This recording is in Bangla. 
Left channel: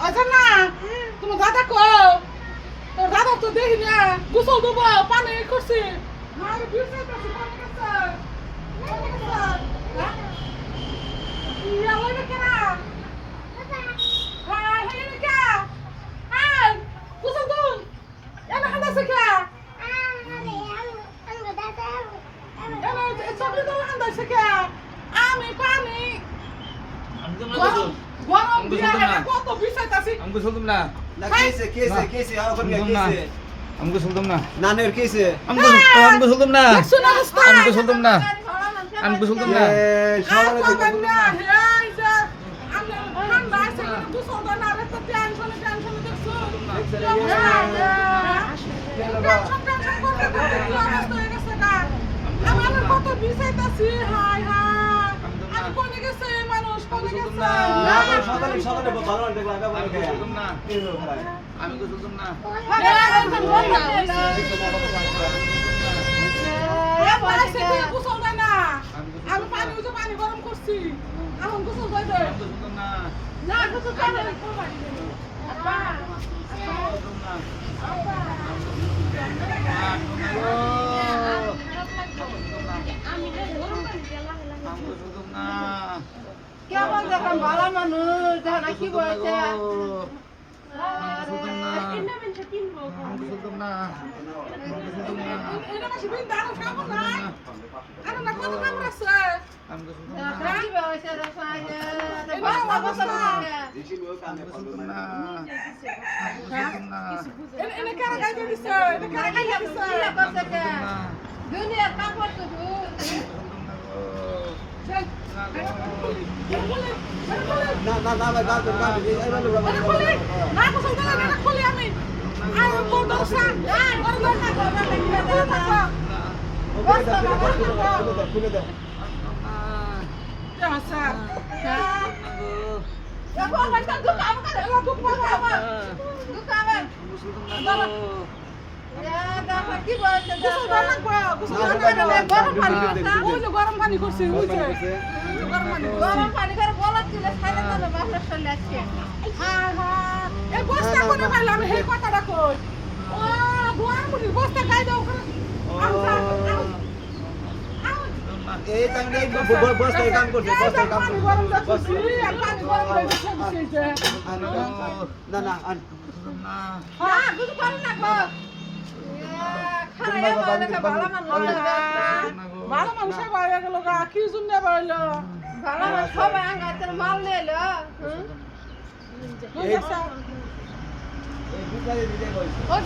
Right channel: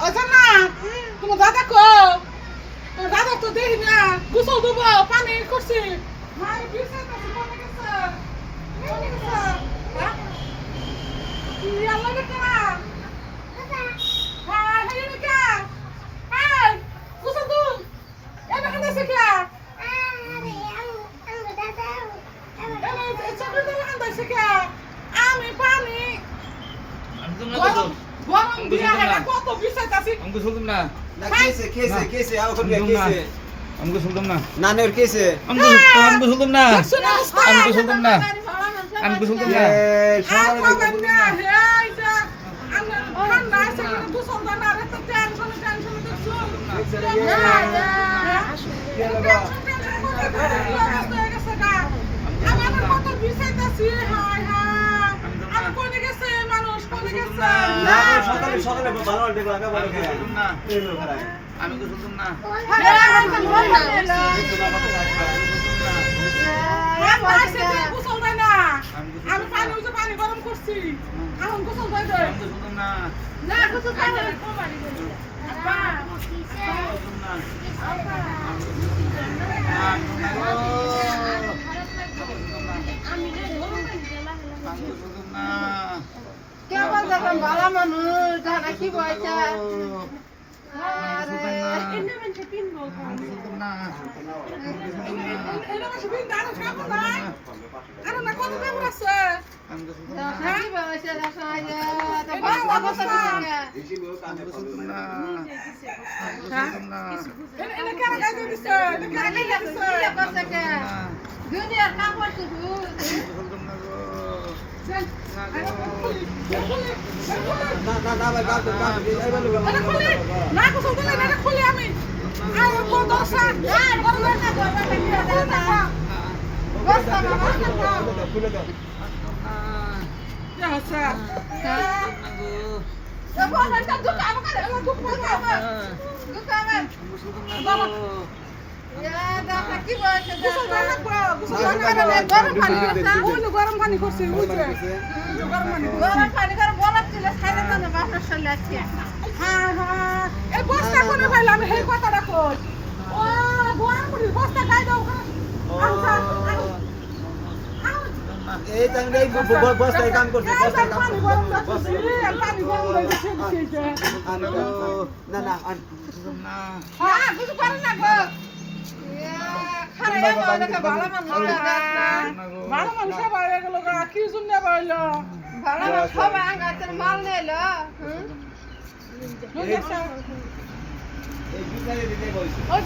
আচ্ছা না তোমার দাদা কো তো দাদা তো দেখি না গোসল দেবো পানি করছি মায়ের বিছাই আছে পানি গেছে হ্যাঁ কি আলো রে কেনা হ্যাঁ হ্যাঁ রে কে হ্যাঁ গোসল দু এনে খান্দা শিখলা চকলেট ধরে খান্দা শিখা আমি পানি গরম দিয়া কত বিছাই আছে हमको सुन तुम ना না কেসে আও কোন কেসে हमको सुन तुम ना নানের কেসে हमको सुन तुम ना শুনে অবস্থা हमको सुन तुम ना हमको सुन तुम ना এই সকালে খাবার না এই যে আমরা ঠান্ডা আছে কিন্তু দুশো না রে তো টেনশন দেখছো আমি আমার কত বিষাইতাছি হাই হাই আমি কোনে গেছে মানুষ কোনে গেছে না সকালে ভালো দেখলাম আমি বলে খাই तुम ना এই লোক খাই हमको सुन तुम ना আমি পানি উঠে পানি গরম করছি এখন গোসল করে দে हमको सुन तुम ना না গোসল করে দে আপা तुम ना हमको सुन तुम ना क्या बोलते तुम बाला মানুষ জানা কি বলছে हमको सुन तुम ना এটা মাসে বিন দাঁড়ো খাবো না আরে না কত কাম আছে हमको सुन तुम জানা কি বলছে রাসায় তো বাবা, বাবা বাবা। हमको सुन तुम ना तुम ना এনে কারা গাইতে দিছে এটা কারা গাইতে দিছে কি করছে কে দুনিয়ার কাপড় তো तुम ना गो চল না ভাই গাল তো এই বলে এটা খুলে না গোসল করে না এটা খুলে আমি আর কত দশা না গরম না বস্তা বাবা খুলে দাও আচ্ছা তো বাবা তো দুকাম করে দুকাম বাবা দাদা কি বলছে গরম পানি করছি গরম পানি করে বলাচ্ছিল খাইলে তো না বাপের শরীরে আছে এই বস্তা করে পাইলাম সেই কথাটা কই ও গরম পানি বস্তা গাই দাও এই টাইমে এই বস্তায় কাম করছে বস্তায় কাম পানি গরম করছি পানি গরম করছি না तुम ना হ্যাঁ কিছু পারে না গো খারাপ বাবা ভালো মানুষ ভালো মানুষ বাইরে গেল গা কি জন্য বাইলো ভালো সবাই আঙ্গাতে মাল নিলো এই বিকারে দিতে কইছে ওই